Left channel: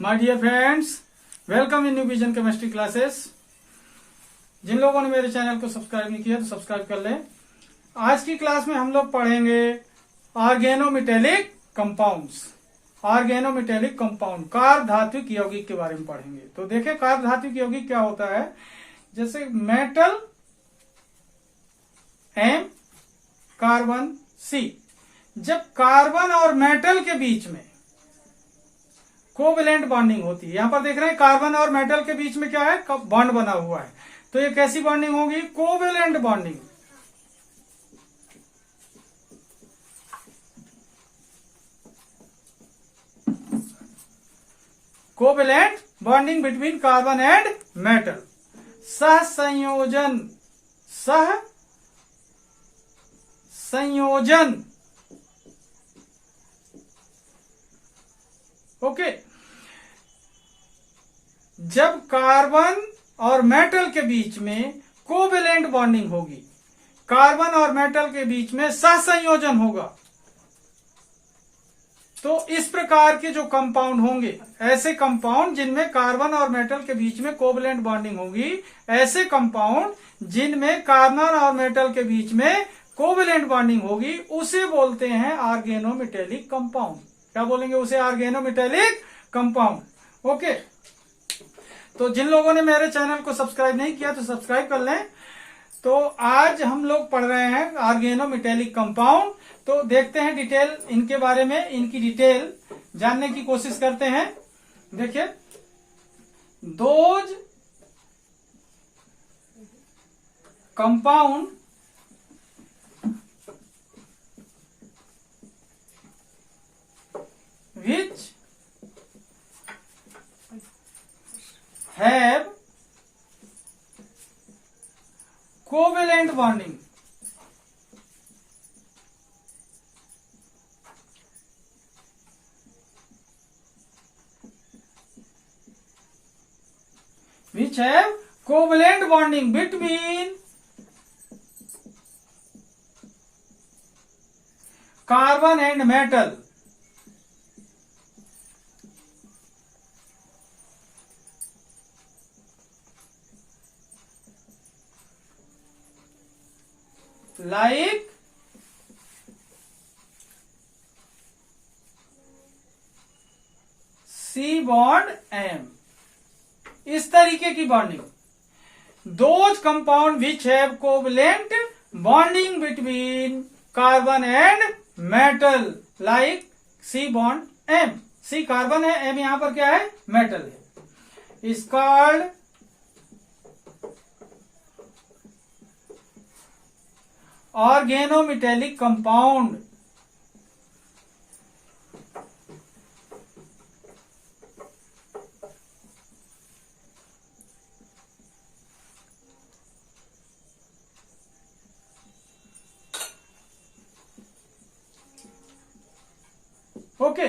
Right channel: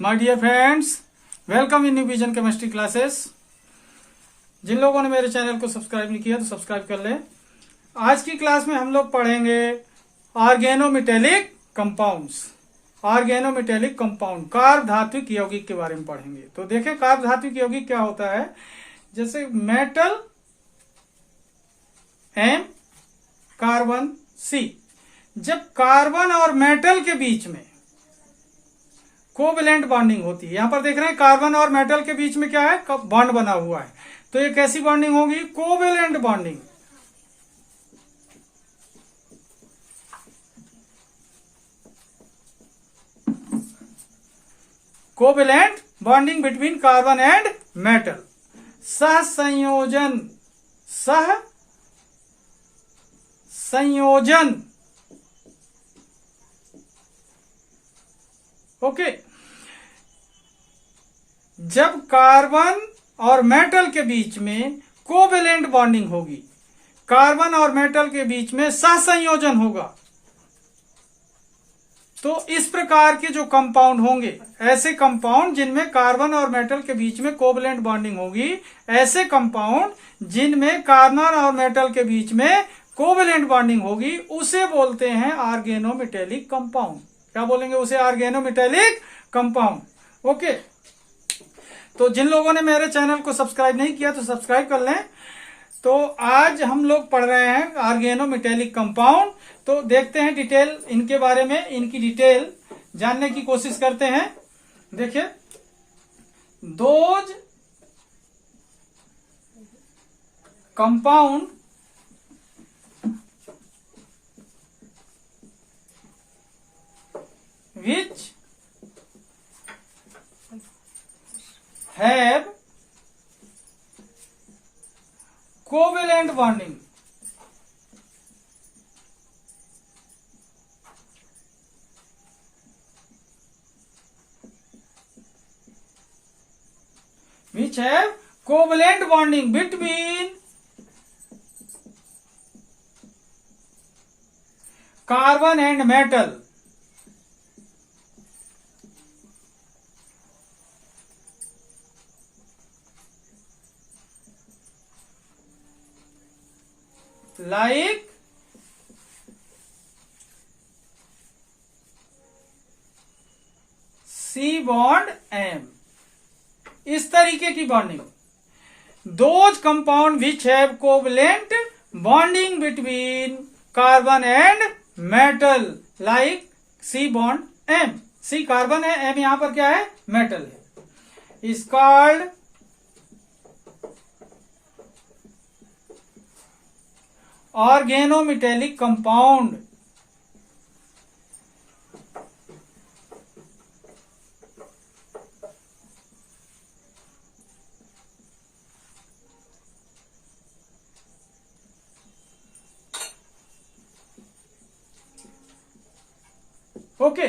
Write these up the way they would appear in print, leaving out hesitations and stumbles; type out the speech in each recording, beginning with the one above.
My dear friends, welcome in new vision chemistry classes. जिन लोगों ने मेरे चैनल को सब्सक्राइब नहीं किया तो सब्सक्राइब कर लें। आज की क्लास में हम लोग पढ़ेंगे organometallic compounds. Organometallic compound carb धात्विक यौगिक के बारे में पढ़ेंगे। तो देखें कार्ब धात्विक यौगिक क्या होता है। जैसे मेटल एम, कार्बन सी। जब कार्बन और मेटल के बीच में कोवेलेंट बॉन्डिंग होती है, यहां पर देख रहे हैं कार्बन और मेटल के बीच में क्या है, बॉन्ड बना हुआ है। तो ये कैसी बॉन्डिंग होगी? Covalent bonding. Covalent bonding between carbon and metal. सहसंयोजन, सहसंयोजन। ओके। जब कार्बन और मेटल के बीच में कोवेलेंट बॉन्डिंग होगी, कार्बन और मेटल के बीच में सहसंयोजन होगा, तो इस प्रकार के जो कंपाउंड होंगे, ऐसे कंपाउंड जिनमें कार्बन और मेटल के बीच में कोवेलेंट बॉन्डिंग होगी, ऐसे कंपाउंड जिनमें कार्बन और मेटल के बीच में कोवेलेंट बॉन्डिंग होगी, उसे बोलते हैं ऑर्गेनोमेटेलिक कंपाउंड। क्या बोलेंगे उसे? Organometallic compound. ओके। तो जिन लोगों ने मेरे चैनल को सब्सक्राइब नहीं किया तो सब्सक्राइब कर लें। तो आज हम लोग पढ़ रहे हैं ऑर्गेनोमेटेलिक कंपाउंड। तो देखते हैं डिटेल इनके बारे में, इनकी डिटेल जानने की कोशिश करते हैं। देखिए, those compound which have covalent bonding, which have covalent bonding between carbon and metal, like C bond M। इस तरीके की bonding. Those compound which have covalent bonding between carbon and metal, like C bond M। C carbon है, M यहां पर क्या है? Metal है। Is called organometallic compound. Okay.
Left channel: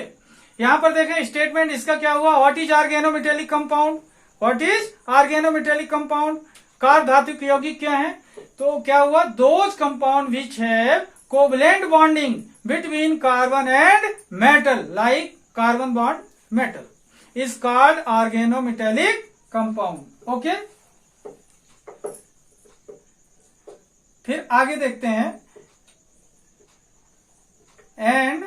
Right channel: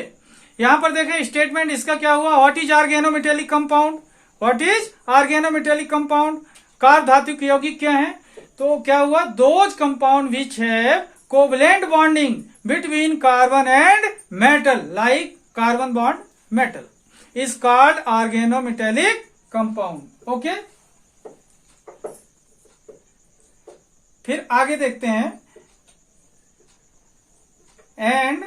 यहां पर देखें स्टेटमेंट इसका क्या हुआ। What is organometallic compound? What is organometallic compound? Carb धात्विक यौगिक क्या है? तो क्या हुआ? Those compound which have covalent bonding between carbon and metal, like carbon bond metal, is called organometallic compound. Okay. फिर आगे देखते हैं। And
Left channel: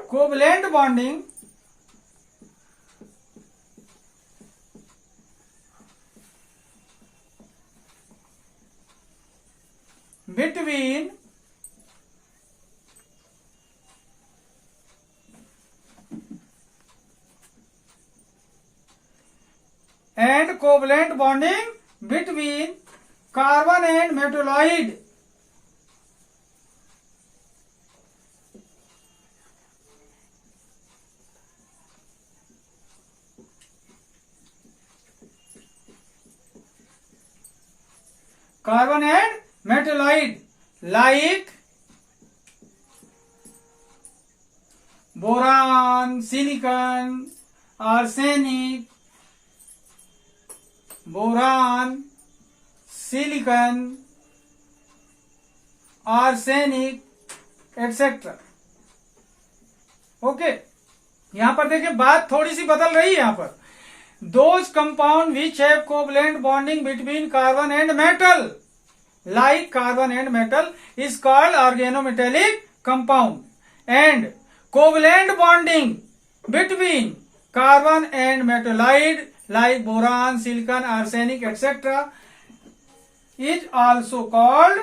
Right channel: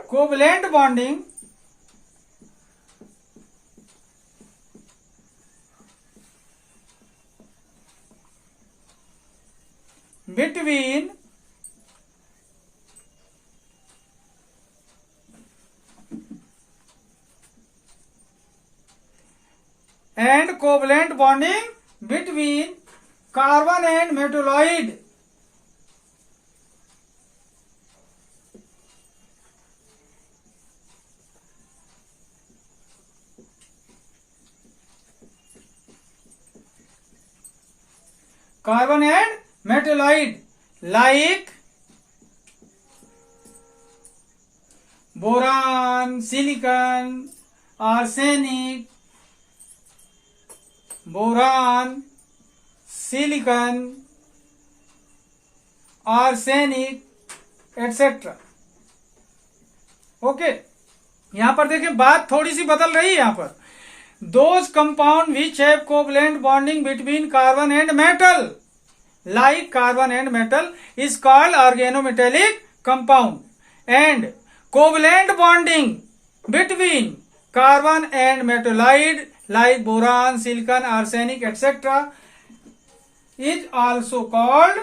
covalent bonding between and covalent bonding between carbon and metalloid, carbon and metalloid, like boron, silicon, arsenic, boron, silicon, arsenic etcetera. Okay, यहां पर देखिए बात थोड़ी सी बदल रही है। यहां पर those compound which have covalent bonding between carbon and metal like carbon and metal is called organometallic compound and covalent bonding between carbon and metalloid like boron, silicon, arsenic, etc. is also called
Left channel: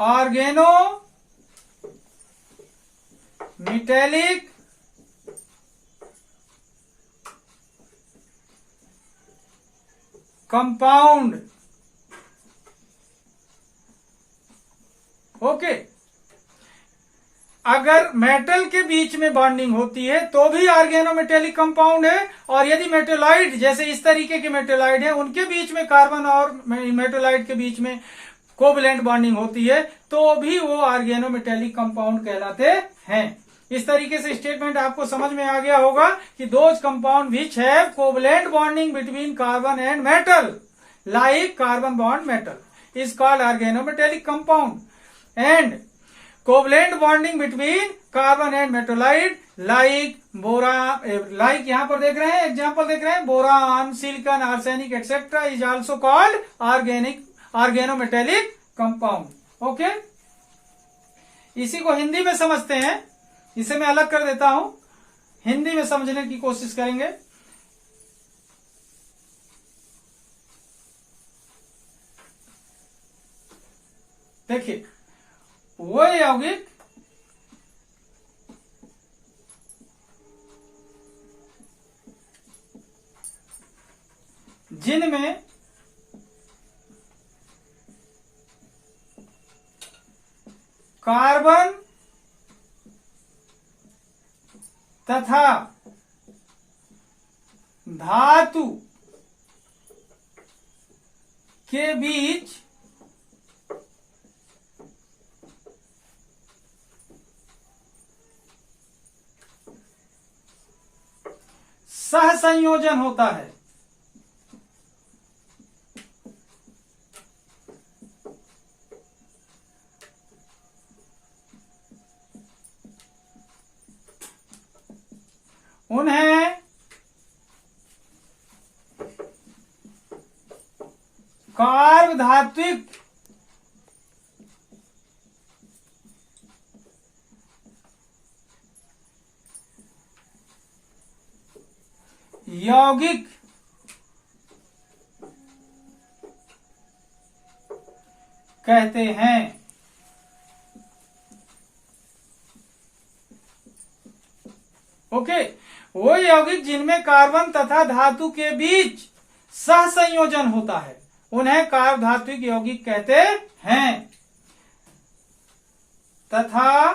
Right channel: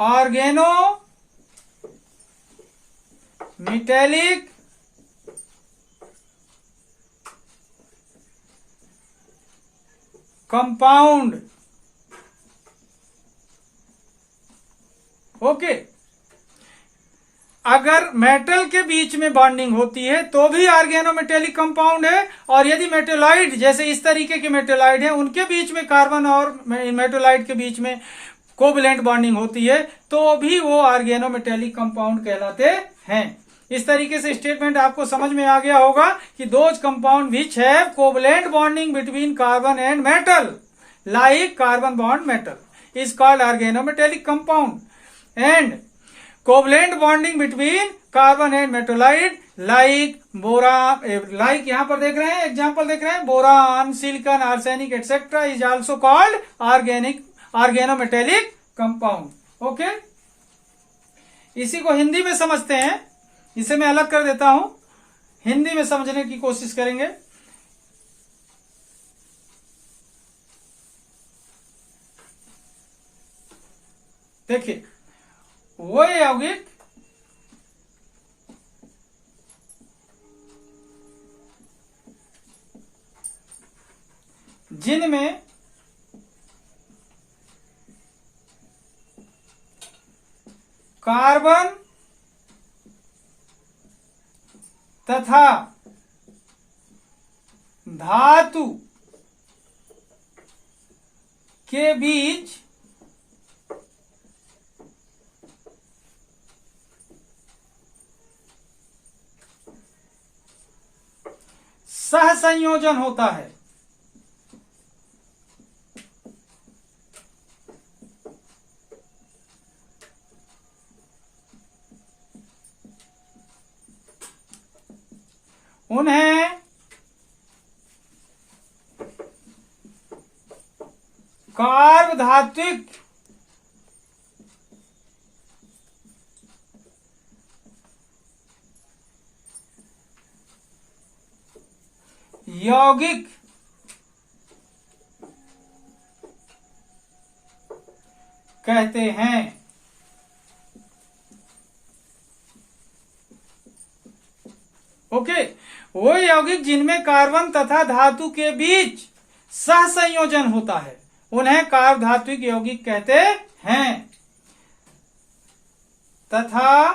organometallic compound. Okay, अगर metal के बीच में bonding होती है तो भी organometallic compound है, और यदि मेटेलॉइड जैसे इस तरीके के मेटेलॉइड है उनके बीच में कार्बन और मेटेलॉइड के बीच में कोवलेंट बॉन्डिंग होती है तो भी वो ऑर्गेनोमेटेलिक कंपाउंड कहलाते हैं। इस तरीके से स्टेटमेंट आपको समझ में आ गया होगा कि those compound which have covalent bonding between carbon and metal like carbon bond metal is called organometallic compound and covalent bonding between carbon and metalloid like like यहां पर देख रहे हैं एग्जाम्पल देख रहे हैं boron, silicon, arsenic etcetera is also called organometallic compound. Okay, इसी को हिंदी में समझते हैं। इसे मैं अलग कर देता हूं, हिंदी में समझने की कोशिश करेंगे। देखिए, वो यौगिक जिनमें कार्बन तथा धातु के बीच सहसंयोजन होता है। उन्हें कार्बधात्विक यौगिक कहते हैं। ओके, वो यौगिक जिनमें कार्बन तथा धातु के बीच सहसंयोजन होता है उन्हें कार्बधात्विक यौगिक कहते हैं तथा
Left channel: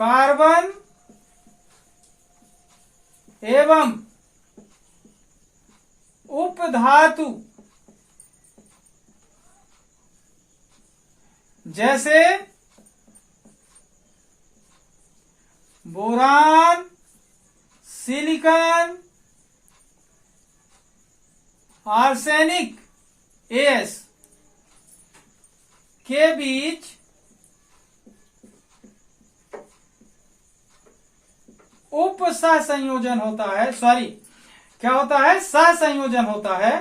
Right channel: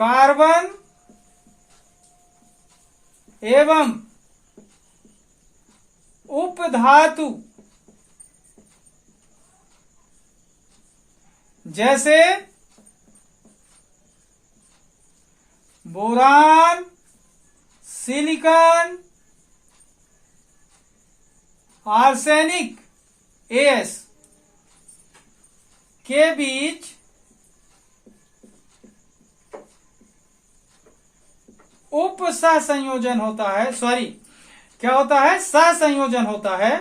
कार्बन एवं उपधातु जैसे बोरान, सिलिकॉन, आर्सेनिक एस के बीच उप सहसंयोजन होता है। सॉरी, क्या होता है? सहसंयोजन होता है।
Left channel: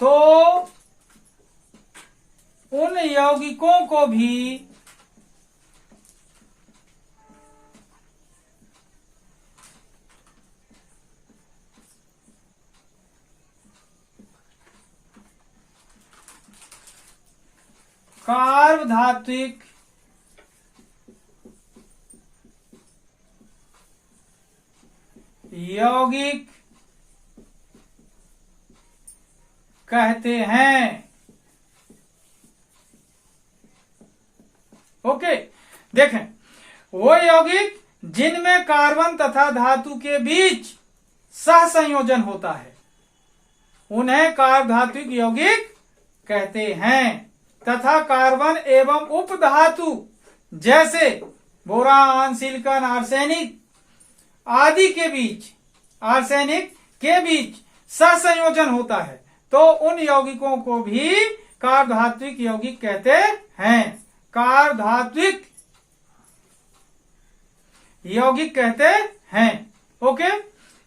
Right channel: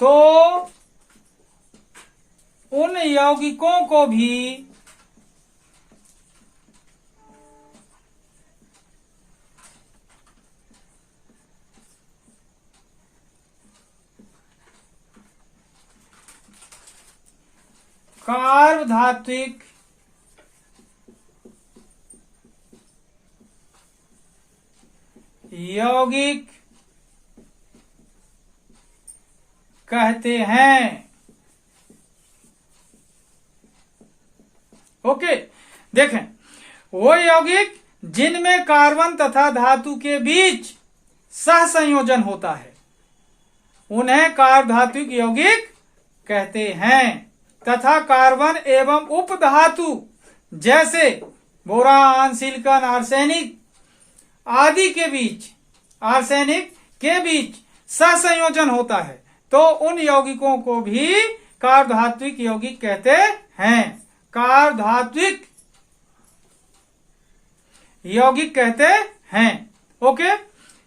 तो उन यौगिकों को भी कार्बधात्विक यौगिक कहते हैं। ओके, देखें, वो यौगिक जिनमें कार्बन तथा धातु के बीच सहसंयोजन होता है उन्हें कार्बधात्विक यौगिक कहते हैं। तथा कार्बन एवं उपधातु जैसे बोरान, सिलिकॉन, आर्सेनिक आदि के बीच, आर्सेनिक के बीच सहसंयोजन होता है तो उन यौगिकों को भी कार्बधात्विक यौगिक कहते हैं। कार्बधात्विक यौगिक कहते हैं। ओके,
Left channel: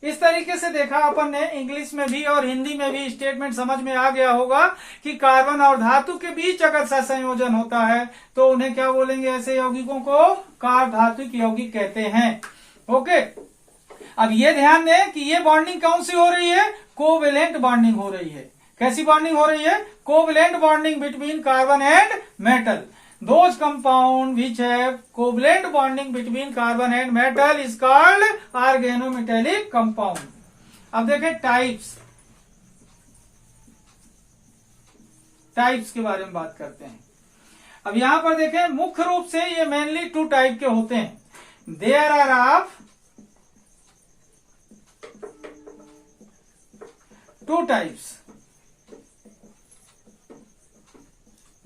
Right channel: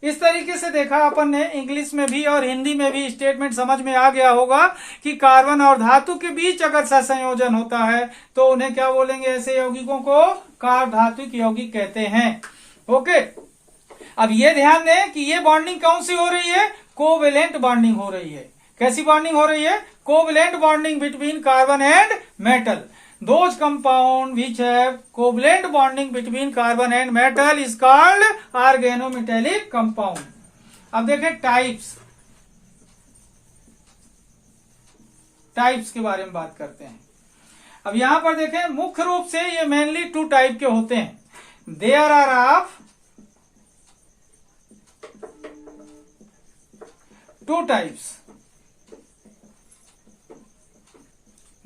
इस तरीके से देखा अपन ने, इंग्लिश में भी और हिंदी में भी स्टेटमेंट समझ में आ गया होगा कि कार्बन और धातु के बीच अगर सहसंयोजन होता है तो उन्हें क्या बोलेंगे? ऐसे यौगिकों को कार्बधात्विक यौगिक कहते हैं। ओके, अब ये ध्यान दें कि ये बॉन्डिंग कौन सी हो रही है? कोवेलेंट बॉन्डिंग हो रही है। कैसी बॉन्डिंग हो रही है? Covalent bonding between carbon and metal. Those compound which have covalent bonding between carbon and metal is called organometallic compound. अब देखें टाइप्स के बारे में बात करते हैं। अब यहां पर देखें, मुख्य रूप से ये मेनली 2 टाइप के होते हैं। There are of 2 types.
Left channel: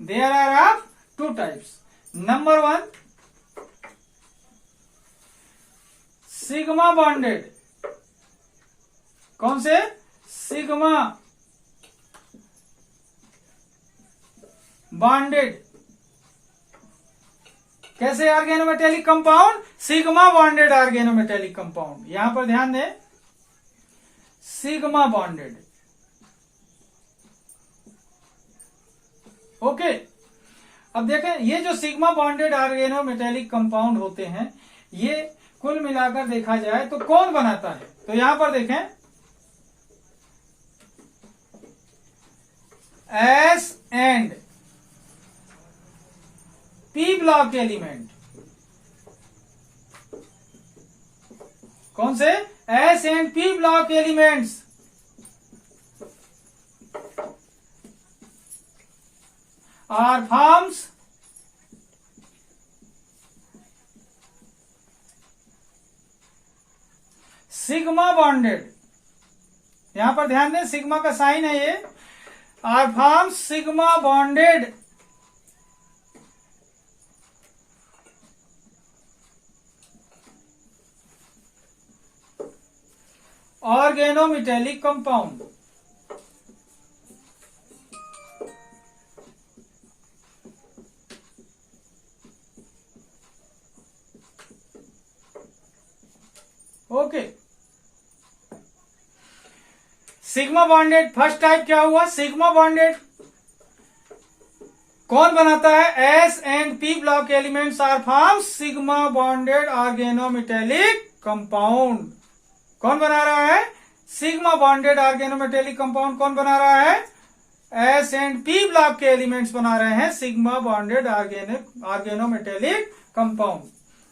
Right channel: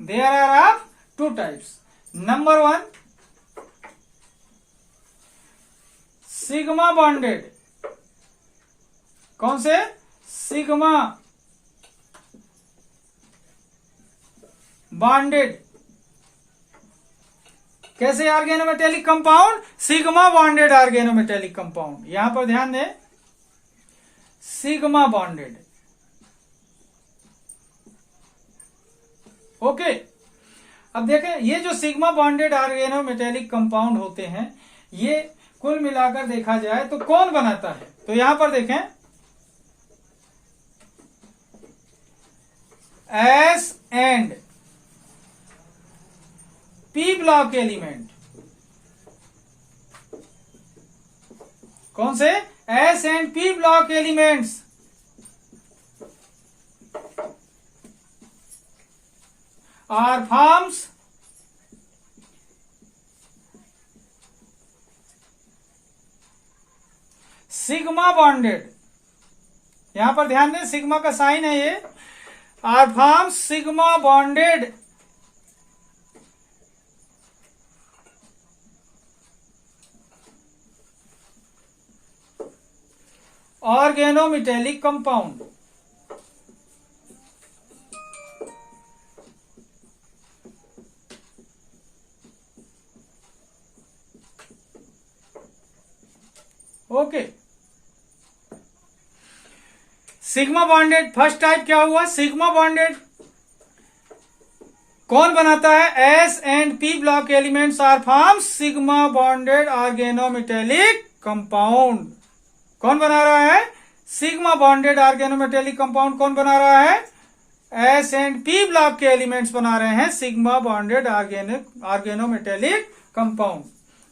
There are of 2 types. Number 1, sigma bonded. कौन से? Sigma bonded. कैसे organometallic compound? Sigma bonded organometallic compound. यहां पर ध्यान दें, सिग्मा बॉन्डेड। ओके, अब देखें, ये जो सिग्मा बॉन्डेड ऑर्गेनोमेटेलिक कंपाउंड होते हैं, ये कुल मिलाकर देखा जाए तो कौन बनाता है? तो यहां पर देखें, S and P block element. कौन से? S and P block elements are forms sigma bonded. यहां पर ध्यान दें, सिग्मा का साइन है ये। are forms sigma bonded organometallic compound. Okay, sigma bonded first type क्या हुआ? सिग्मा बॉन्डेड कौन बनाता है? S and P block elements are form sigma bonded organometallic compound. कौन बना रहा है? सिग्मा बॉन्डेड ऑर्गेनोमेटेलिक कंपाउंड कौन बना रहा है? एस एंड पी ब्लॉक के एलिमेंट्स बना रहे हैं सिग्मा बॉन्डेड ऑर्गेनोमेटेलिक कंपाउंड।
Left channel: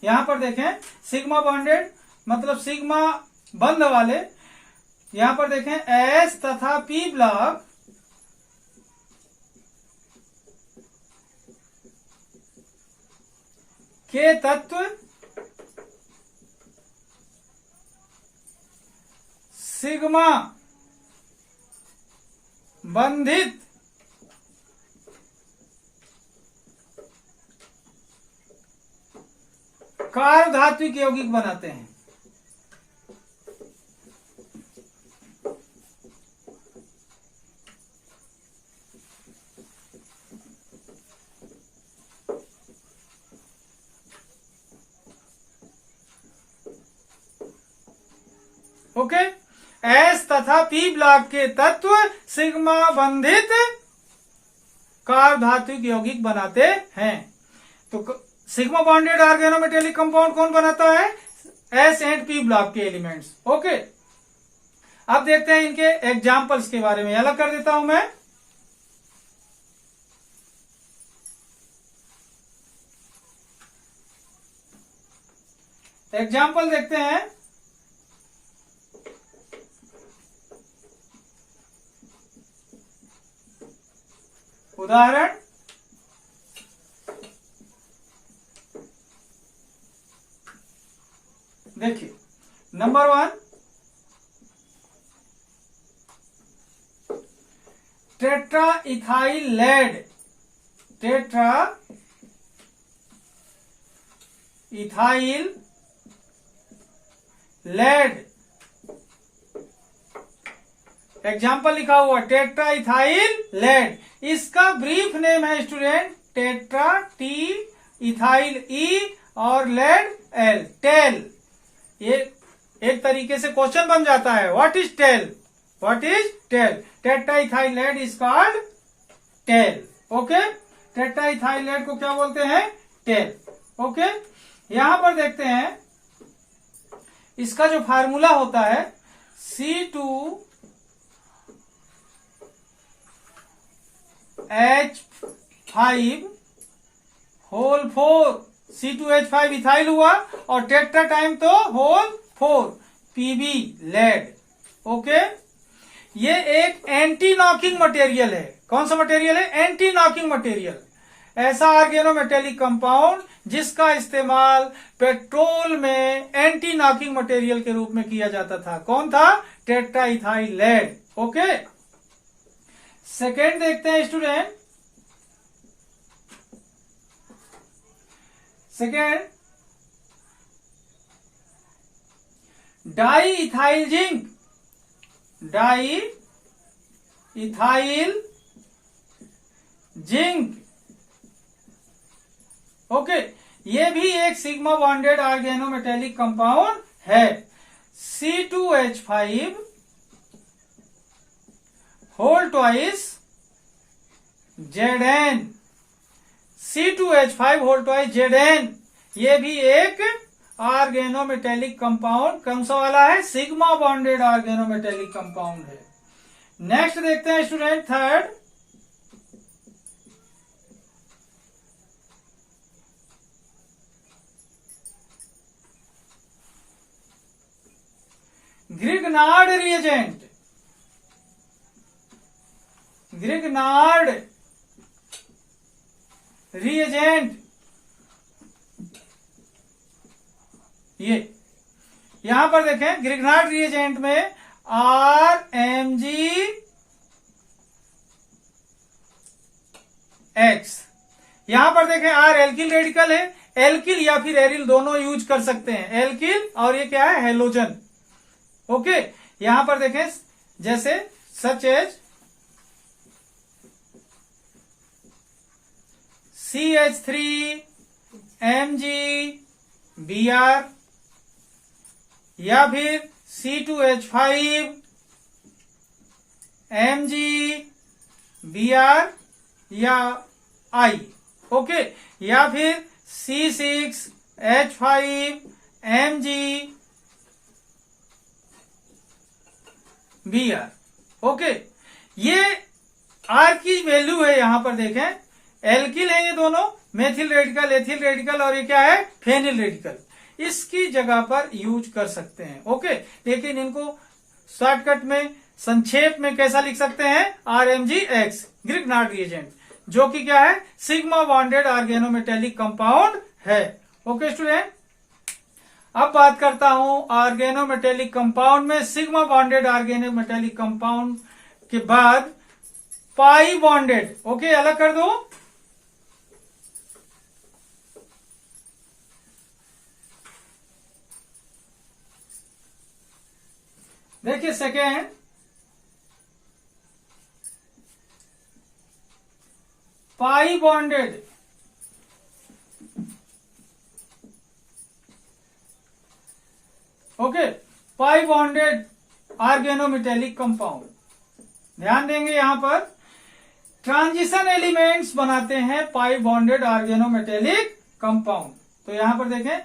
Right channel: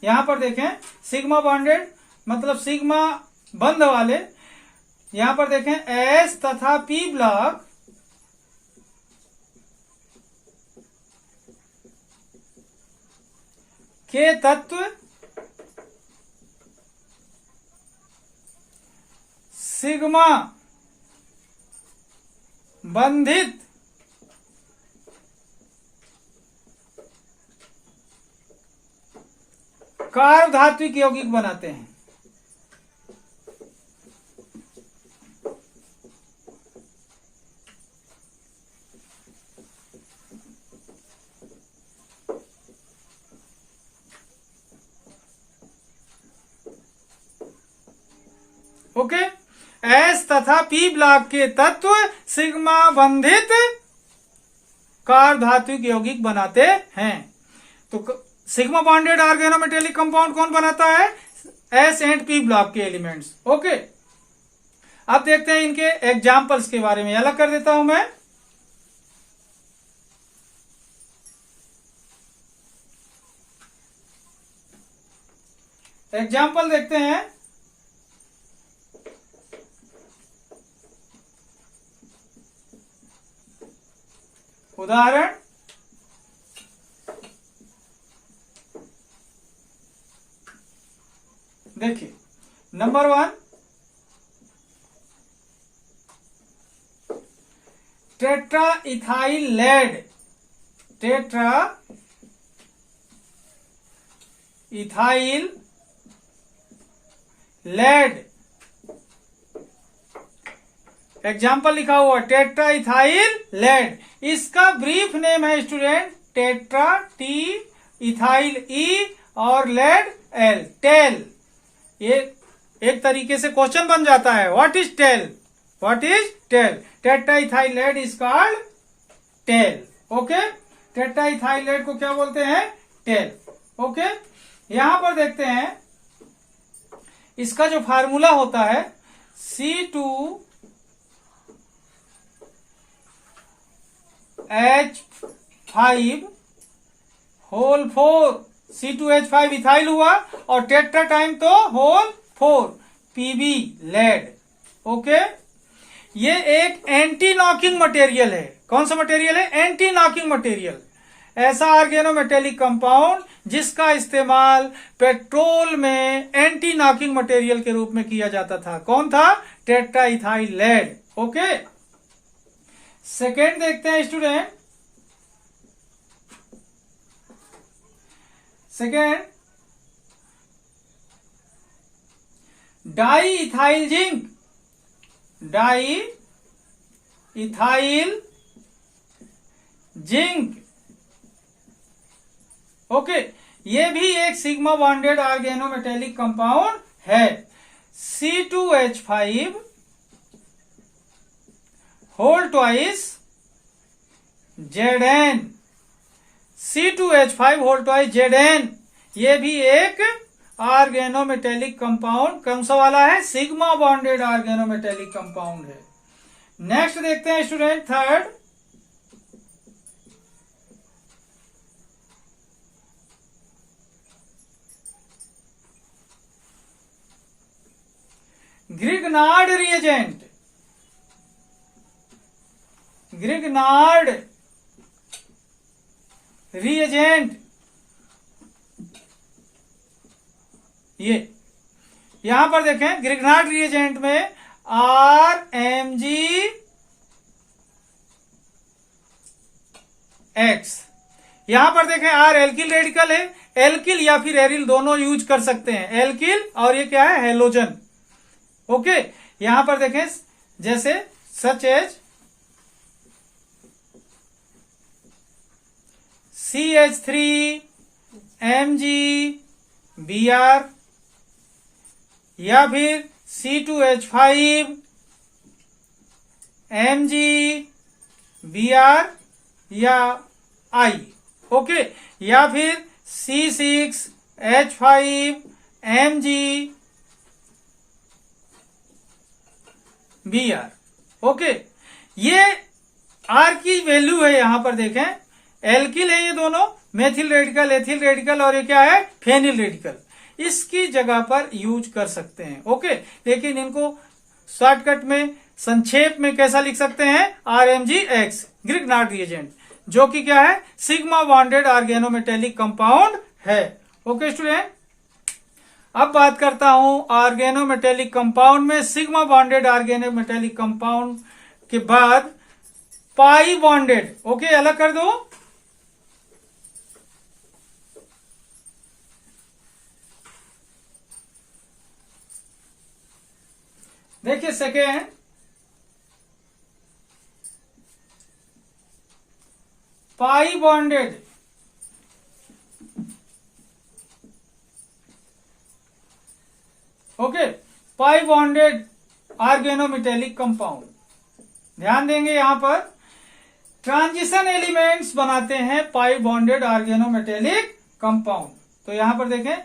यहां पर देखें, सिग्मा बॉन्डेड मतलब सिग्मा बंध वाले। यहां पर देखें, एस तथा पी ब्लॉक के तत्व सिग्मा बंधित कार्बधात्विक यौगिक बनाते हैं। ओके, एस तथा पी ब्लॉक के तत्व सिग्मा बंधित कार्बधात्विक यौगिक बनाते हैं। तो सिग्मा बॉन्डेड ऑर्गेनोमेटेलिक कंपाउंड कौन बनाता है? एस एंड पी ब्लॉक के एलिमेंट्स। ओके, अब देखते हैं इनके एग्जाम्पल्स के बारे में। अलग कर देता हूं मैं। एग्जाम्पल देखते हैं। उदाहरण, देखिए, number 1, tetra ethyl lead tetra ethyl lead. Example लिखा हुआ टेट्रा इथाइल लेड। इसका ब्रीफ नेम है student tetra, T, ethyl E और लेड एल, टेल। ये एक तरीके से क्वेश्चन बन जाता है, what is TEL, what is TEL. Tetra ethyl lead is called TEL. Okay, tetra ethyl lead को क्या बोलते हैं, टेल। ओके, यहां पर देखते हैं इसका जो फार्मूला होता है C2H5 होल 4, C2H5 इथाइल हुआ और टेट्रा टाइम तो होल 4 PB लेड। ओके, ये एक एंटी नॉकिंग मटेरियल है। कौन सा मटेरियल है, एंटी नॉकिंग मटेरियल। ऐसा ऑर्गेनोमेटेलिक कंपाउंड जिसका इस्तेमाल पेट्रोल में एंटी नॉकिंग मटेरियल के रूप में किया जाता था। कौन था, tetra ethyl lead. Okay, second देखते हैं student. Second, di ethyl zinc. Di ethyl zinc. Okay, ये भी एक सिग्मा बॉन्डेड ऑर्गेनोमेटेलिक कंपाउंड है। C2H5 whole twice Zn। C2H5 whole twice Zn, ये भी एक ऑर्गेनोमेटेलिक कंपाउंड कौन सा वाला है, सिग्मा बॉन्डेड ऑर्गेनोमेटेलिक कंपाउंड है। नेक्स्ट देखते हैं student, third, Grignard reagent. Grignard reagent, ये यहां पर देखें ग्रिग्नार्ड रिएजेंट में RMgX। यहां पर देखें R एल्किल रेडिकल है, एल्किल या फिर एरिल दोनों यूज कर सकते हैं, एल्किल और ये क्या है, हेलोजन। ओके, यहां पर देखें जैसे सच एज CH3MgBr या फिर C2H5MgBr या I। ओके, या फिर C6H5MgBr। ओके, ये R की वैल्यू है, यहां पर देखें एल्किल है ये दोनों, मेथिल रेडिकल, एथिल रेडिकल और ये क्या है, फेनिल रेडिकल। इसकी जगह पर यूज कर सकते हैं। ओके, लेकिन इनको शॉर्टकट में संक्षेप में कैसा लिख सकते हैं, RMgX, ग्रिग्नार्ड रिएजेंट, जो कि क्या है, सिग्मा बॉन्डेड ऑर्गेनोमेटेलिक कंपाउंड है। ओके स्टूडेंट, अब बात करता हूं ऑर्गेनोमेटेलिक कंपाउंड में सिग्मा बॉन्डेड ऑर्गेनोमेटेलिक कंपाउंड के बाद पाई बॉन्डेड। ओके, अलग कर दो। देखिए सेकेंड, पाई बॉन्डेड। ओके, पाई बॉन्डेड ऑर्गेनोमेटेलिक कंपाउंड, ध्यान देंगे यहां पर ट्रांजिशन एलिमेंट्स बनाते हैं पाई बॉन्डेड ऑर्गेनोमेटेलिक कंपाउंड। तो यहां पर देखें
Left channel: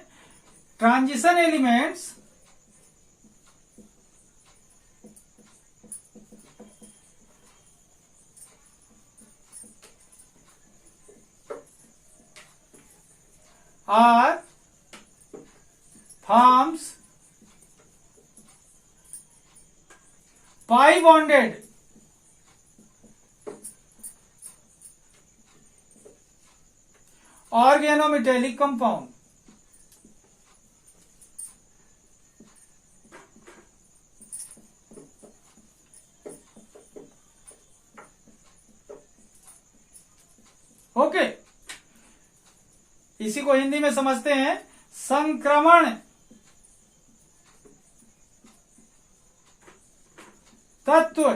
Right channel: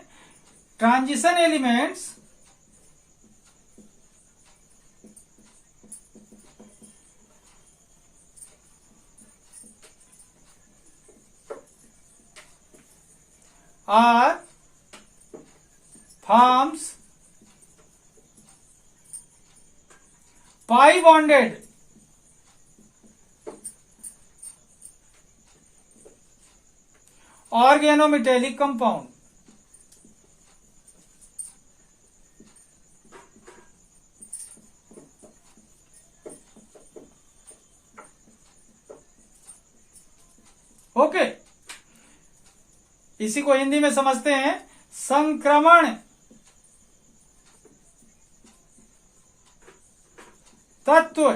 transition elements are forms pi bonded organometallic compound। Okay, इसी को हिंदी में समझते हैं संक्रमण तत्व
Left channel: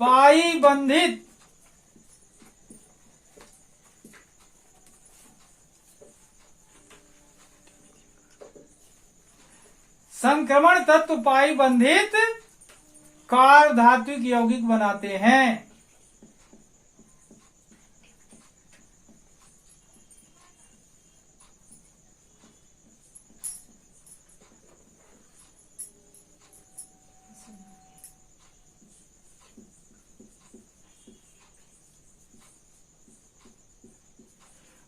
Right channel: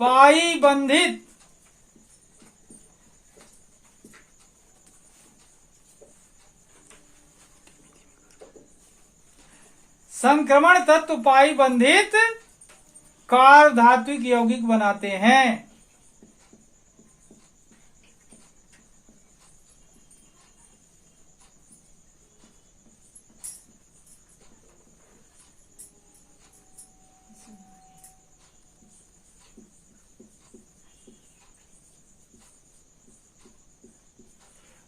पाई बंधित संक्रमण तत्व पाई बंधित कार धात्विक यौगिक बनाते हैं।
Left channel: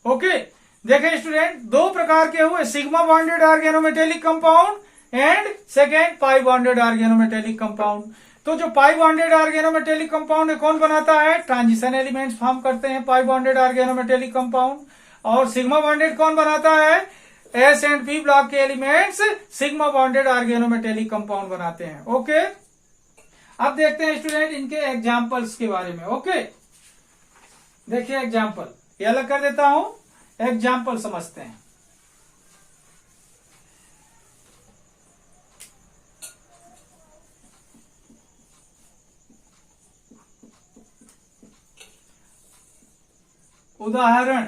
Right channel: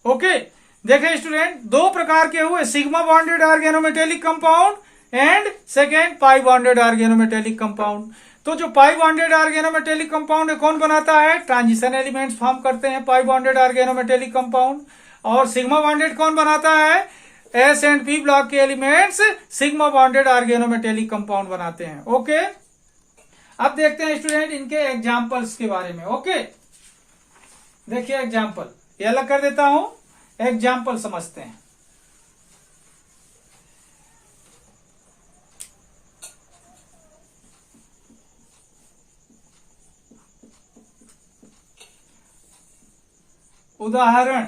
ओके, देखें स्टूडेंट, दो प्रकार के हुए, sigma bonded organometallic compound and second pi bonded organometallic compound. तो जो पाई बॉन्डेड ऑर्गेनोमेटेलिक कंपाउंड कौन बनाता है? ट्रांजिशन एलिमेंट्स फॉर्म करते हैं पाई बॉन्डेड ऑर्गेनोमेटेलिक कंपाउंड। और सिग्मा बॉन्डेड कौन बनाता है? एस एंड पी ब्लॉक के elements sigma bonded organometallic compound बनाते हैं। ओके, अब देखते हैं स्टूडेंट इनके एग्जाम्पल्स के बारे में। ओके, देखिए एग्जाम्पल, ये अलग कर देता हूं, एग्जाम्पल समझते हैं। उदाहरण,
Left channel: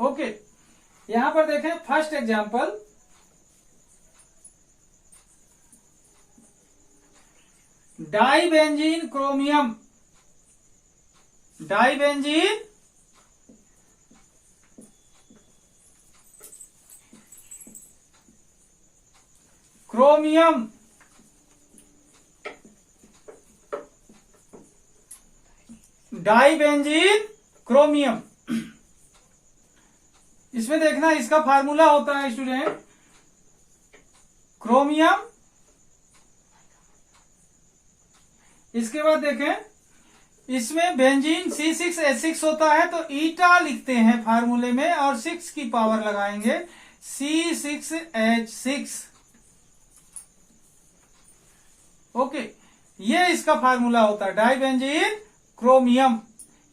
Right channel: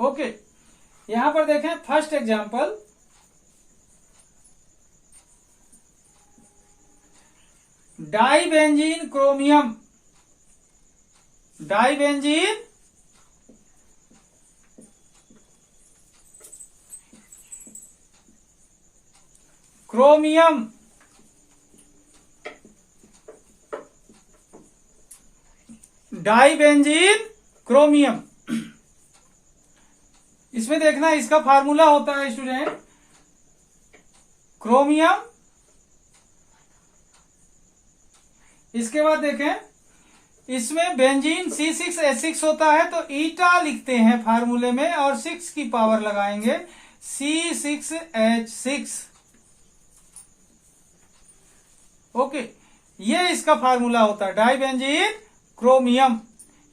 ओके, यहां पर देखें first example, dibenzene chromium, dibenzene chromium, dibenzene chromium. इसमें देखना इसका फार्मूला होता है स्टूडेंट क्रोमियम। इसके बाद देखें इसमें बेंजीन C6H6 होता है, तो ईटा लिखते हैं फार्मूले में और 6 की पावर लगाएंगे, C6H6। ओके, ये इसका फार्मूला होता है डाइबेंजीन क्रोमियम।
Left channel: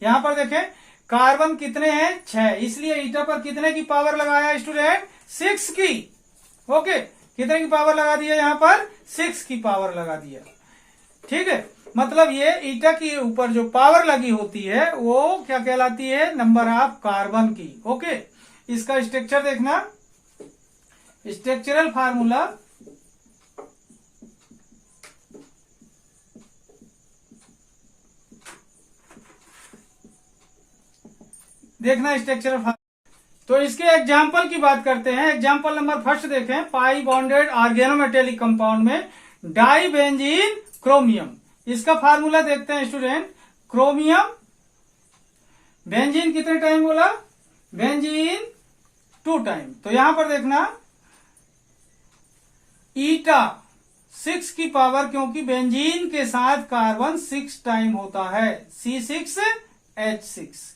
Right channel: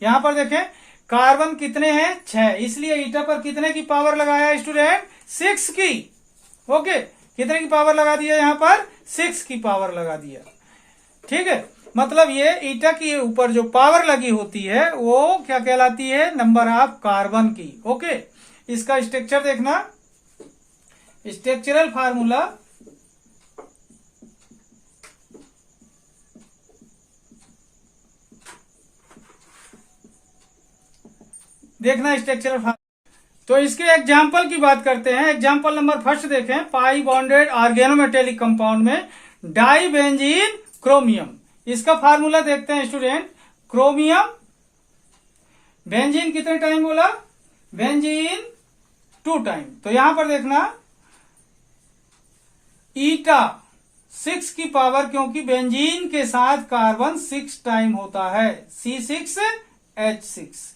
यहां पर देखें कार्बन कितने हैं? 6, इसलिए ईटा पर कितने की पावर लगाया स्टूडेंट? 6 की। ओके, कितने की पावर लगा दिया? यहां पर 6 की पावर लगा दिया। ठीक है, मतलब ये ईटा के ऊपर जो पावर लगी होती है वो क्या कहलाती है? नंबर ऑफ कार्बन की। ओके, इसका स्ट्रक्चर देखना, स्ट्रक्चरल फार्मूला, देखना स्ट्रक्चरल फार्मूला। तो इसके एग्जाम्पल की बात करते हैं। एग्जाम्पल नंबर फर्स्ट देखें, पाई बॉन्डेड ऑर्गेनोमेटेलिक कंपाउंड में डाइबेंजीन क्रोमियम। इसका फार्मूला देखते हैं स्टूडेंट, क्रोमियम, बेंजीन कितने टाइम बोला? Benzene 2 time. तो यहां पर देखना ईटा 6 की पावर, क्योंकि बेंजीन के साथ कार्बन 6 टाइम होता है, C6H6।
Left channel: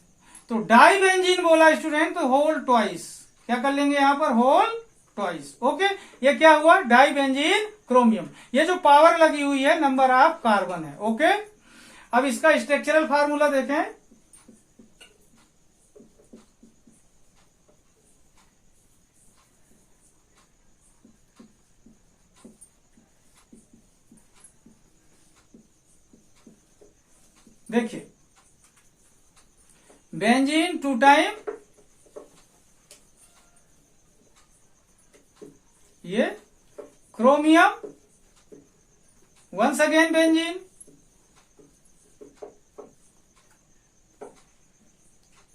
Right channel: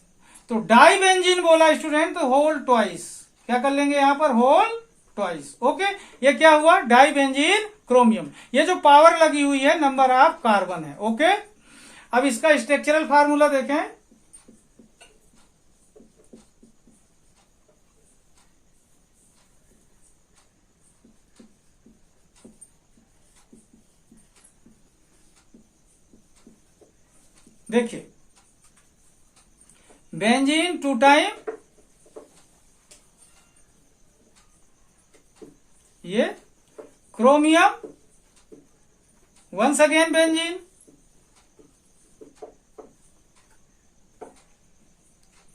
तो डाइबेंजीन बोला स्टूडेंट, तो होल ट्वाइस, क्या कर लेंगे यहां पर? Whole twice. ओके, ये क्या हुआ? डाइबेंजीन क्रोमियम। ये जो पावर लगी हुई है नंबर ऑफ कार्बन है। ओके, अब इसका स्ट्रक्चरल फार्मूला देखें, देखिए बेंजीन 2 टाइम, ये क्रोमियम, वंस अगेन बेंजीन,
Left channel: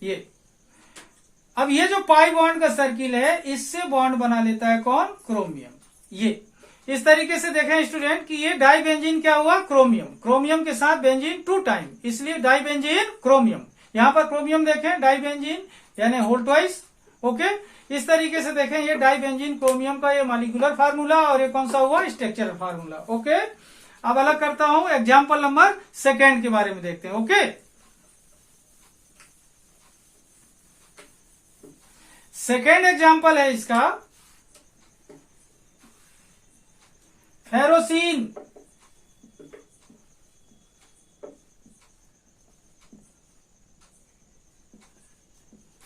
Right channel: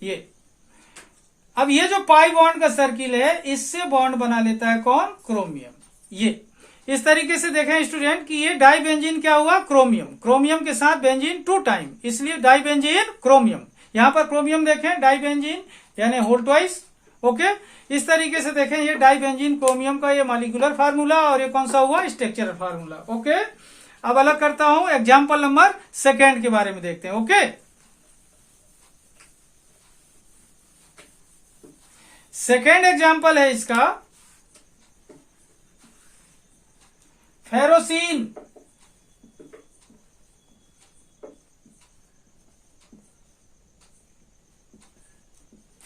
ये। अब ये जो पाई बॉन्ड का सर्किल है इससे बॉन्ड बना लेता है कौन? क्रोमियम। ये इस तरीके से देखें स्टूडेंट कि ये डाइबेंजीन क्या हुआ? क्रोमियम, क्रोमियम के साथ बेंजीन 2 टाइम, इसलिए डाइबेंजीन क्रोमियम। यहां पर क्रोमियम देखें डाइबेंजीन यानी होल ट्वाइस। ओके, इस तरीके से देखें ये डाइबेंजीन क्रोमियम का ये मॉलिक्यूलर फार्मूला और ये कौन सा हुआ? Structural formula. ओके, अब अलग करता हूं, एग्जाम्पल नंबर सेकेंड के बारे में देखते हैं। ओके, सेकेंड एग्जाम्पल है इसका फेरोसीन,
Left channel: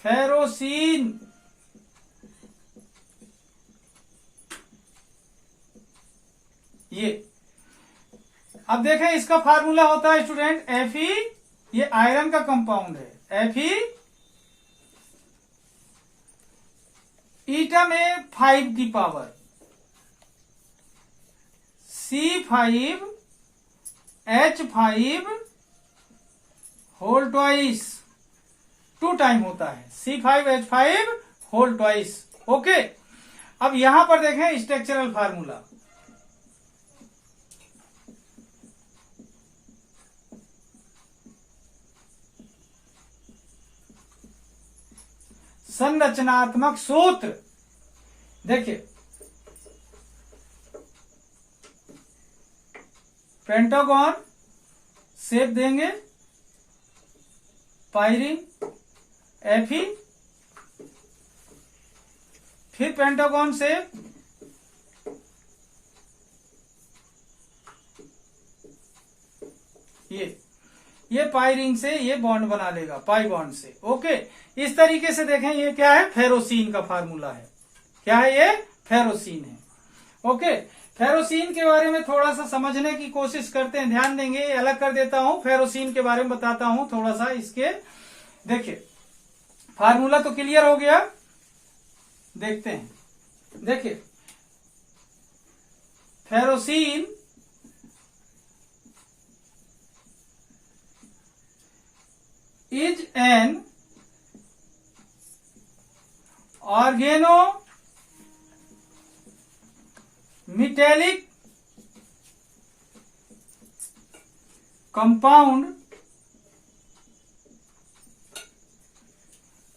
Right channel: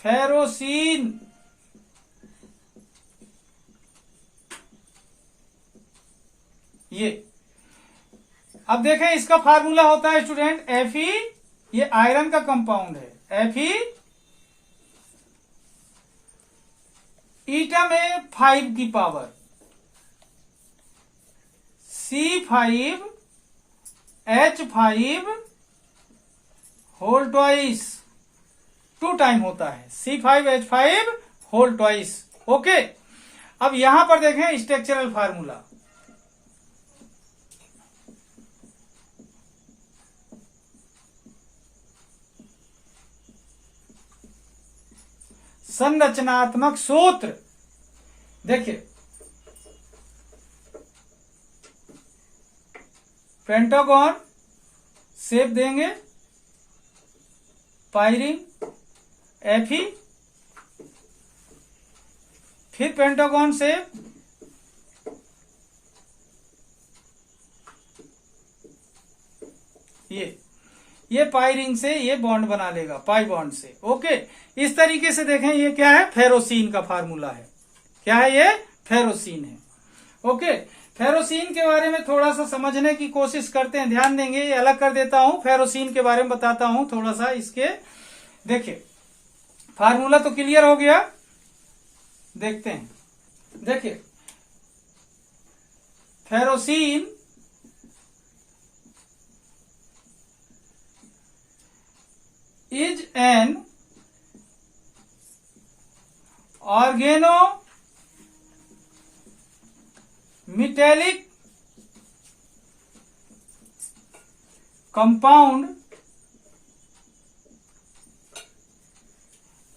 फेरोसीन ये। अब देखें इसका फार्मूला होता है स्टूडेंट Fe, ये आयरन का कंपाउंड है। Fe ईटा में 5 की power C5H5 whole twice 2 time होता है C5H5 होल ट्वाइस। ओके, अब यहां पर देखें स्ट्रक्चरल फार्मूला। संरचनात्मक सूत्र देखिए, पेंटागन शेप देंगे, पायरिंग Fe, फिर पेंटागन शेप, ये पायरिंग से ये बॉन्ड बना लेगा पाई बॉन्ड से। ओके, इस तरीके से देखें ये क्या है, फेरोसीन का फार्मूला है। क्या है ये, फेरोसीन है। ओके, फेरोसीन के बारे में थोड़ा सा समझने की कोशिश करते हैं, ध्यान देंगे। ये अलग कर देता हूं, फेरोसीन के बारे में बताता हूं थोड़ा सा इसके। देखिए फार्मूला तो क्लियर हो गया, देखते हैं। देखिए फेरोसीन is an organometallic compound.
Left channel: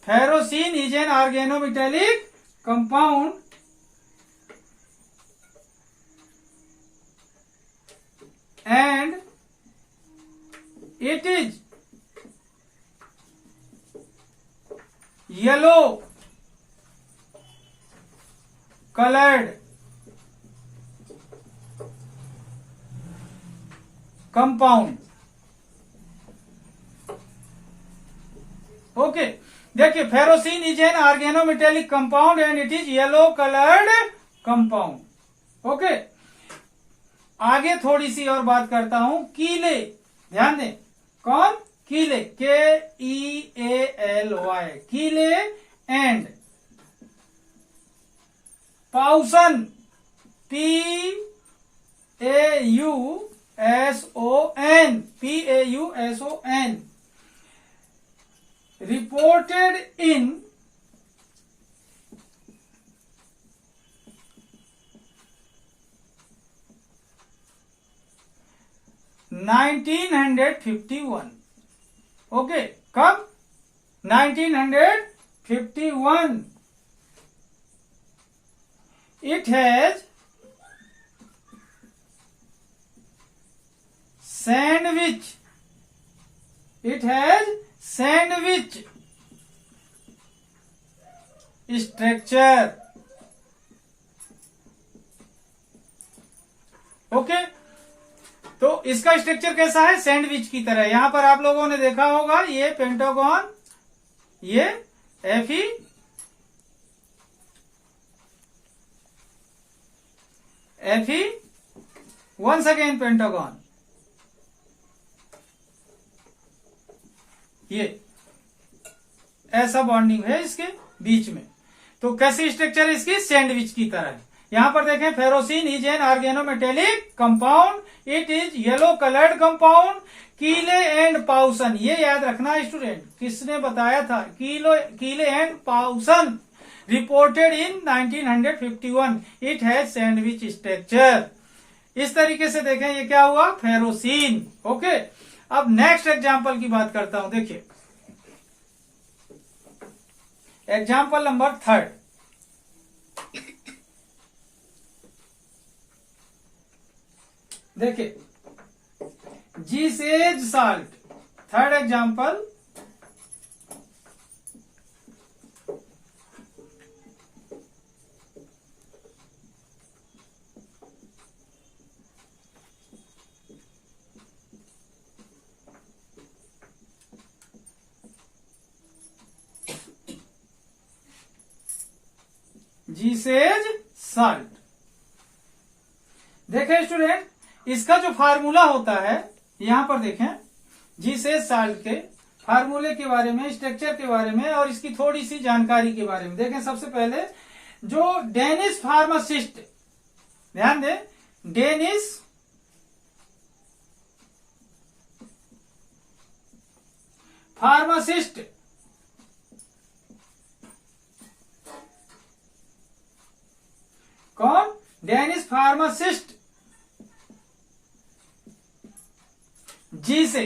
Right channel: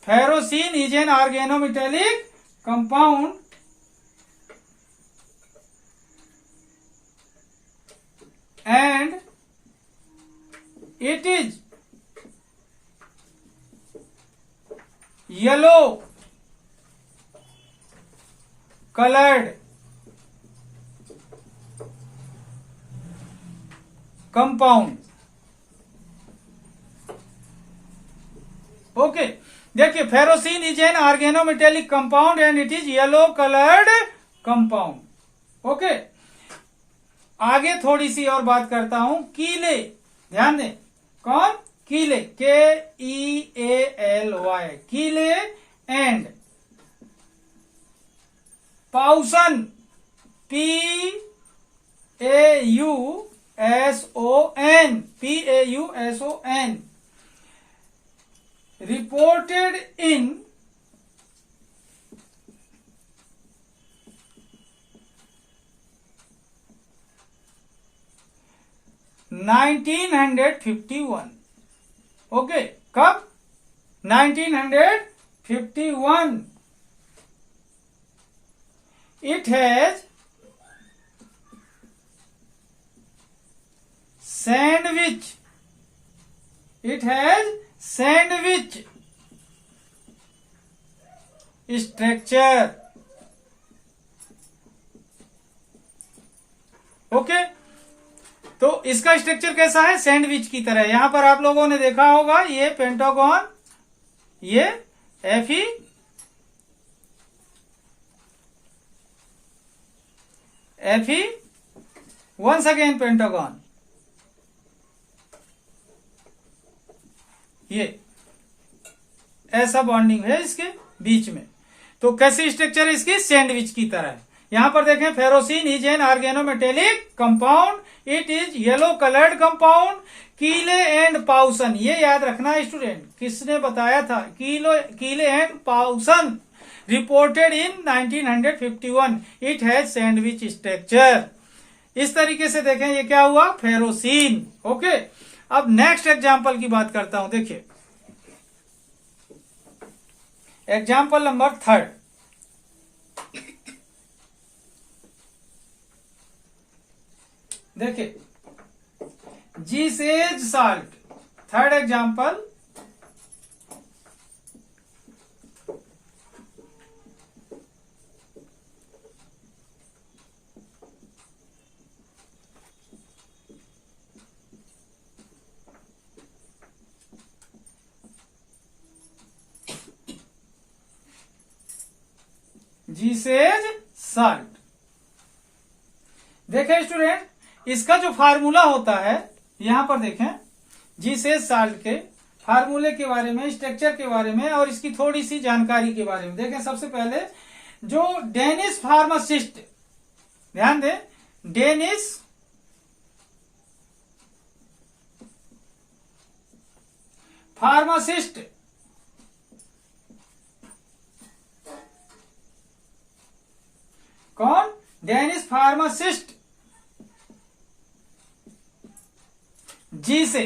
Ferrocene is an organometallic compound and it is yellow colored compound. Okay, देखिए ferrocene is an organometallic compound and it is yellow coloured compound. Okay, आगे थोड़ी सी और बात करता हूं। कीले, ध्यान दें, कौन, Kealy, KEALY, Kealy and Pauson, PAUSON, reported in 1951। Okay, कब, 1951। It has sandwich structure। Okay, तो इसका स्ट्रक्चर कैसा है, सैंडविच की तरह। यहां पर आप लोगों ने देखा होगा ये पेंटागन, ये Fe, वंस अगेन पेंटागन, ये ऐसा बॉन्डिंग है इसके बीच में। तो कैसी स्ट्रक्चर है इसकी, सैंडविच की तरह है। यहां पर देखें ferrocene is an organometallic compound, it is yellow coloured compound. Kealy and Pauson, ये याद रखना स्टूडेंट, किसने बताया था, Kealy and Pauson reported in 1951। It has sandwich structure. इस तरीके से देखें ये क्या हुआ, फेरोसीन। ओके, अब नेक्स्ट एग्जाम्पल की बात करता हूं। देखिए एग्जाम्पल नंबर 3। देखिए Zeise's salt, 3rd example. Zeise's salt. देखें स्टूडेंट, इसका जो फार्मूला होता है यहां पर देखें, जीसेज साल्ट के फार्मूले के बारे में, स्ट्रक्चर के बारे में और इसकी थोड़ी सी जानकारी के बारे में देखें। सबसे पहले जो डेनिश फार्मासिस्ट, ध्यान दें, डेनिश फार्मासिस्ट कौन? डेनिश फार्मासिस्ट जी से,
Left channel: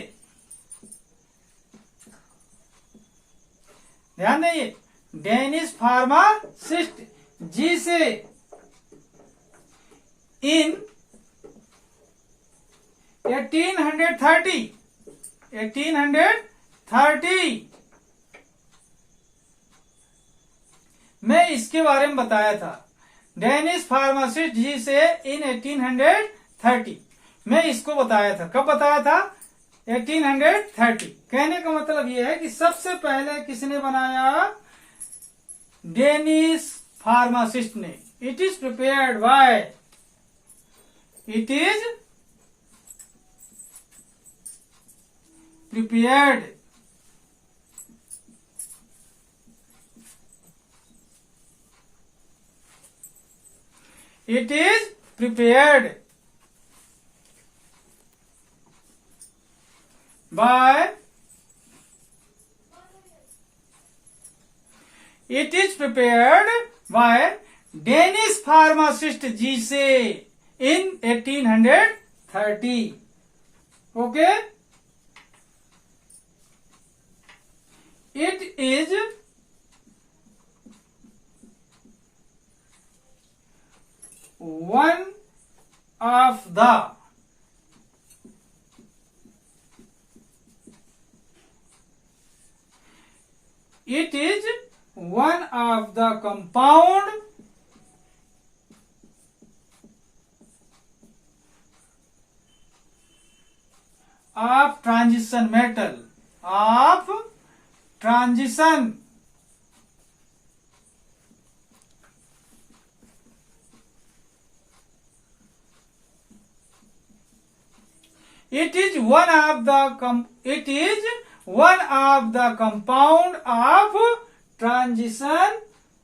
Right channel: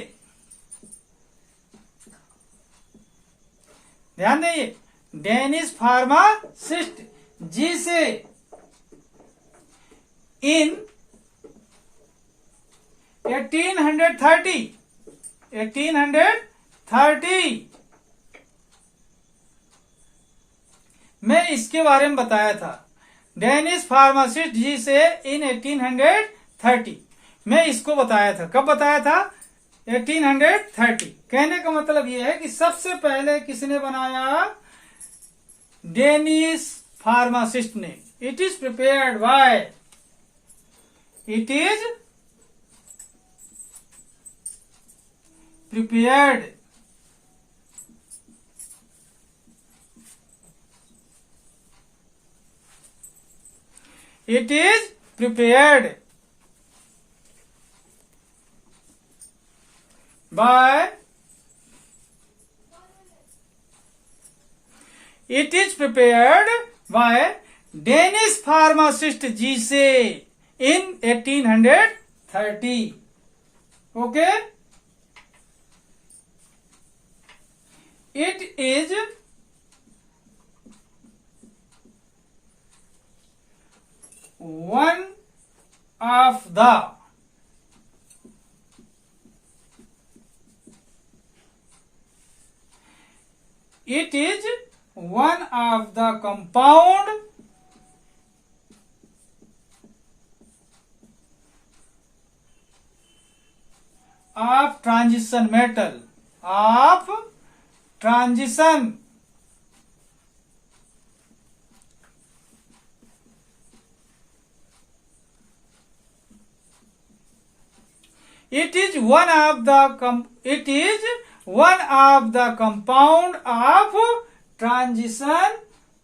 ध्यान देंगे, Danish pharmacist Zeise in 1830 में इसके बारे में बताया था। Danish pharmacist Zeise in 1830 में इसको बताया था। कब बताया था? 1830। कहने का मतलब यह है कि सबसे पहले किसने बनाया? डेनिश फार्मासिस्ट ने। It is prepared bye, it is prepared it is prepared by, it is prepared by Danish pharmacist Giese in 1830. Okay, it is one of the compound of transition metal, of transition it is one of the compound of transition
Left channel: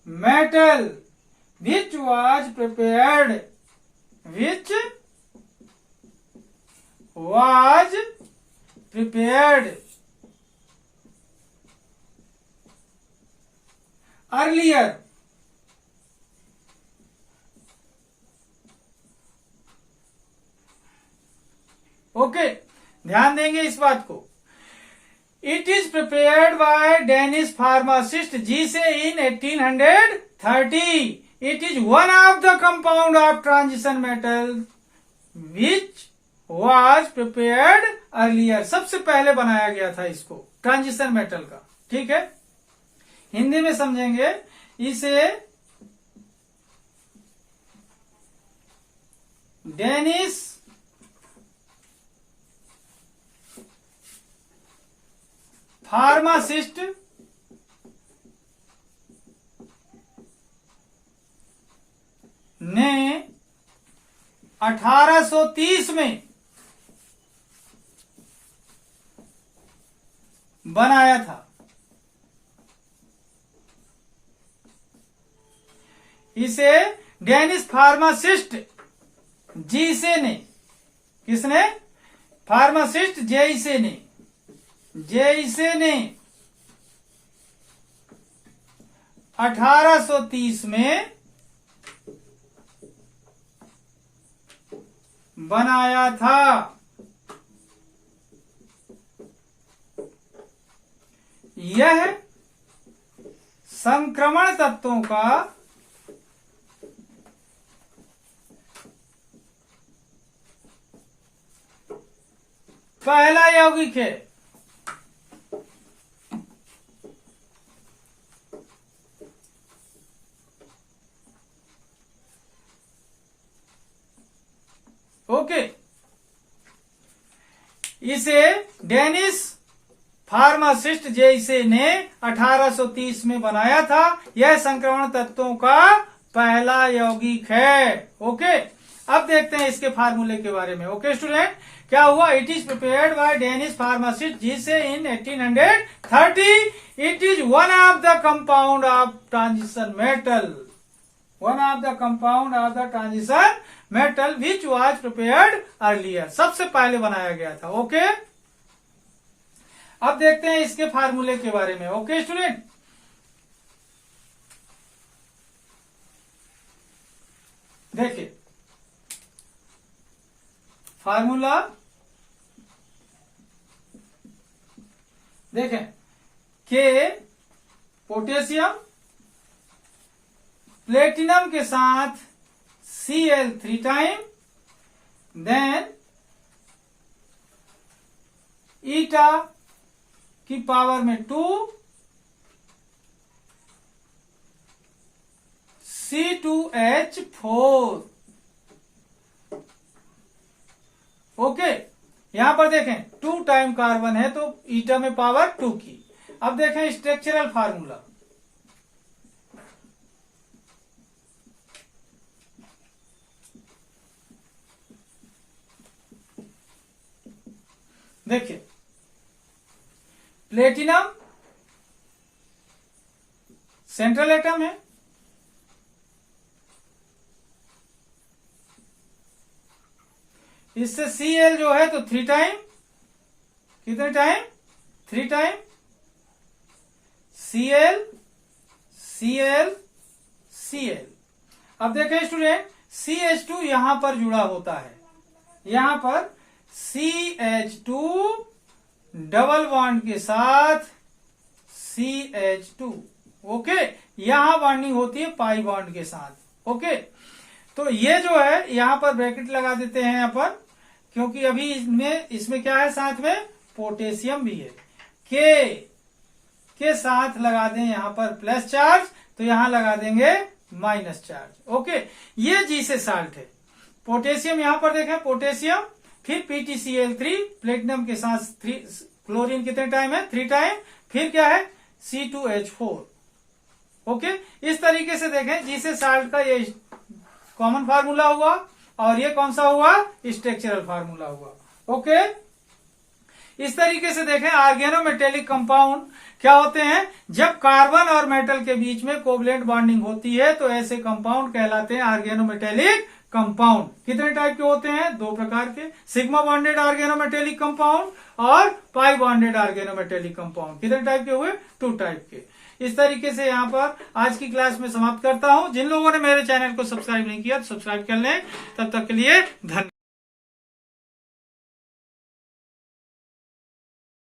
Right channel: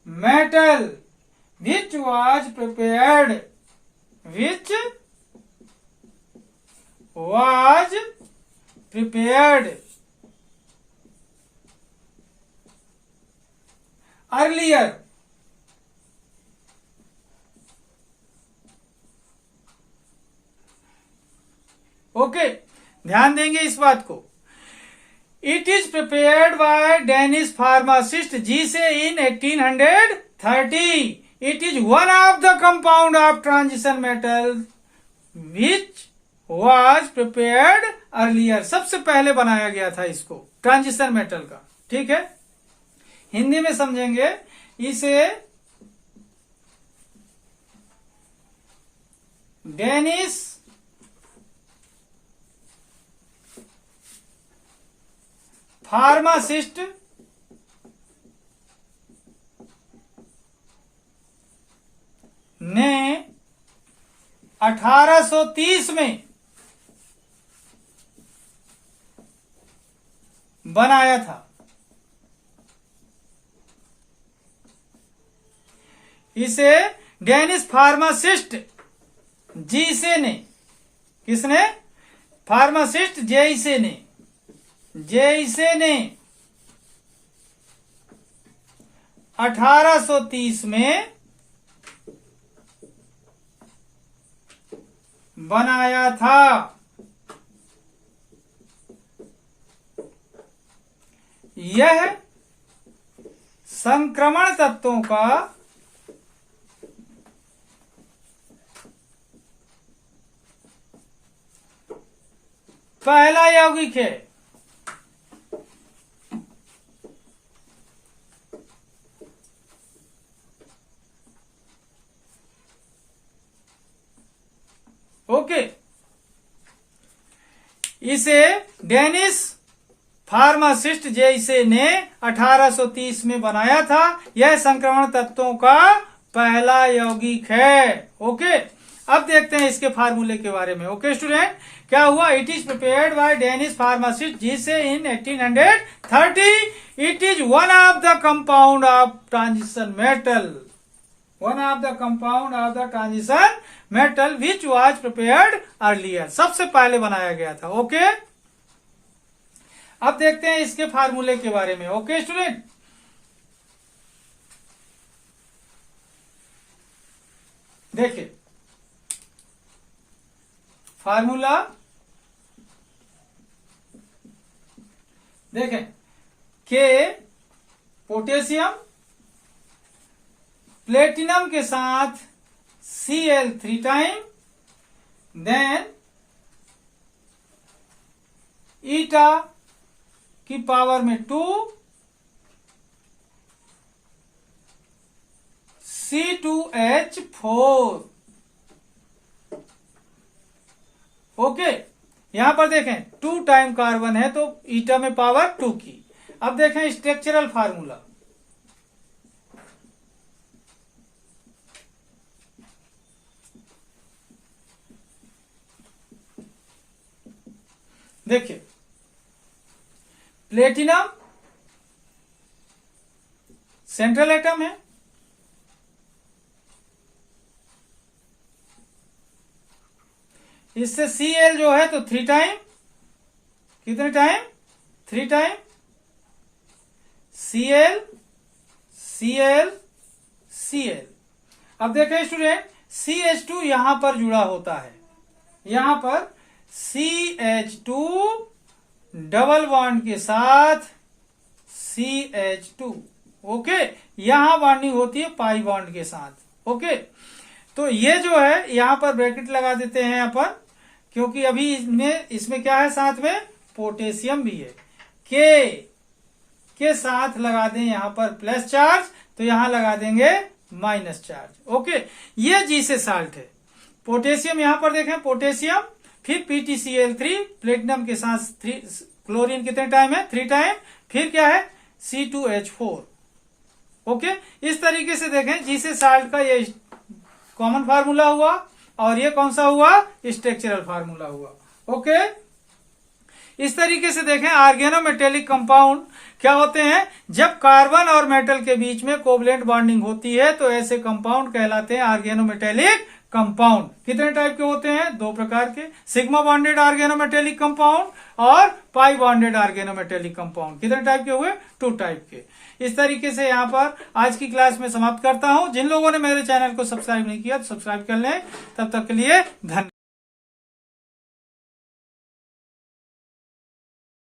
metal which was prepared earlier okay, ध्यान देंगे इस बात को। It is prepared by Danish pharmacist Zeise in 1830। It is one of the compound of transition metal which was prepared earlier. सबसे पहले बनाया गया था इसको, ट्रांजिशन मेटल का। ठीक है, हिंदी में समझेंगे इसे। डेनिश फार्मासिस्ट ने 1830 में बनाया था। इसे डेनिश फार्मासिस्ट जीसे ने, किसने? फार्मासिस्ट जेइसे ने 1830 में बनाया था। यह संक्रमण तत्वों का पहला यौगिक है। ओके, इसे डेनिश फार्मासिस्ट जैसे ने 1830 में बनाया था। यह संक्रमण तत्वों का पहला यौगिक है। ओके, अब देखते हैं इसके फार्मूले के बारे में। ओके स्टूडेंट, क्या हुआ? It is prepared by Danish pharmacist जिसे इन 1830 it is one of the compound of transition metal, one of the compound of the transition metal which was prepared earlier, सबसे पहले बनाया गया था। ओके, अब देखते हैं इसके फार्मूले के बारे में। ओके स्टूडेंट, देखिए फार्मूला, देखें के पोटेशियम, प्लेटिनम के साथ Cl 3 टाइम, देन ईटा की पावर में 2 C2H4। ओके, यहां पर देखें 2 टाइम कार्बन है तो ईटा में पावर 2 की। अब देखें स्ट्रक्चरल फार्मूला, देखिए प्लेटिनम सेंट्रल एटम है, इससे Cl जो है तो 3 टाइम, कितने time? 3 time Cl Cl Cl। अब देखें स्टूडेंट, CH2 यहां पर जुड़ा होता है, यहां पर CH2 डबल बॉन्ड के साथ CH2। ओके, यहां बॉन्डिंग होती है पाई बॉन्ड के साथ। ओके, तो ये जो है यहां पर ब्रैकेट लगा देते हैं यहां पर, क्योंकि अभी इसमें क्या है, साथ में पोटेशियम भी है। के साथ लगा दें यहां पर प्लस चार्ज, तो यहां लगा देंगे माइनस चार्ज। ओके, ये जी से साल्ट है। पोटेशियम यहां पर देखें, पोटेशियम, फिर PtCl3, प्लेटिनम के साथ क्लोरीन कितने टाइम है? 3 टाइम, फिर क्या है? C2H4। ओके, इस तरीके से देखें जी से साल्ट का ये कॉमन फार्मूला हुआ, और ये कौन सा हुआ? स्ट्रक्चरल फार्मूला हुआ। ओके, इस तरीके से देखें ऑर्गेनोमेटेलिक कंपाउंड क्या होते हैं? जब कार्बन और मेटल के बीच में कोवलेंट बॉन्डिंग होती है तो ऐसे कंपाउंड कहलाते हैं ऑर्गेनोमेटेलिक कंपाउंड। कितने टाइप के होते हैं? 2 प्रकार के, सिग्मा बॉन्डेड ऑर्गेनोमेटेलिक कंपाउंड और पाई बॉन्डेड ऑर्गेनोमेटेलिक कंपाउंड। कितने टाइप के हुए? 2 टाइप के। इस तरीके से यहाँ पर आज की क्लास में समाप्त करता हूँ। जिन लोगों ने मेरे चैनल को सब्सक्राइब नहीं किया तो सब्सक्राइब कर लें। तब तक के लिए धन्यवाद।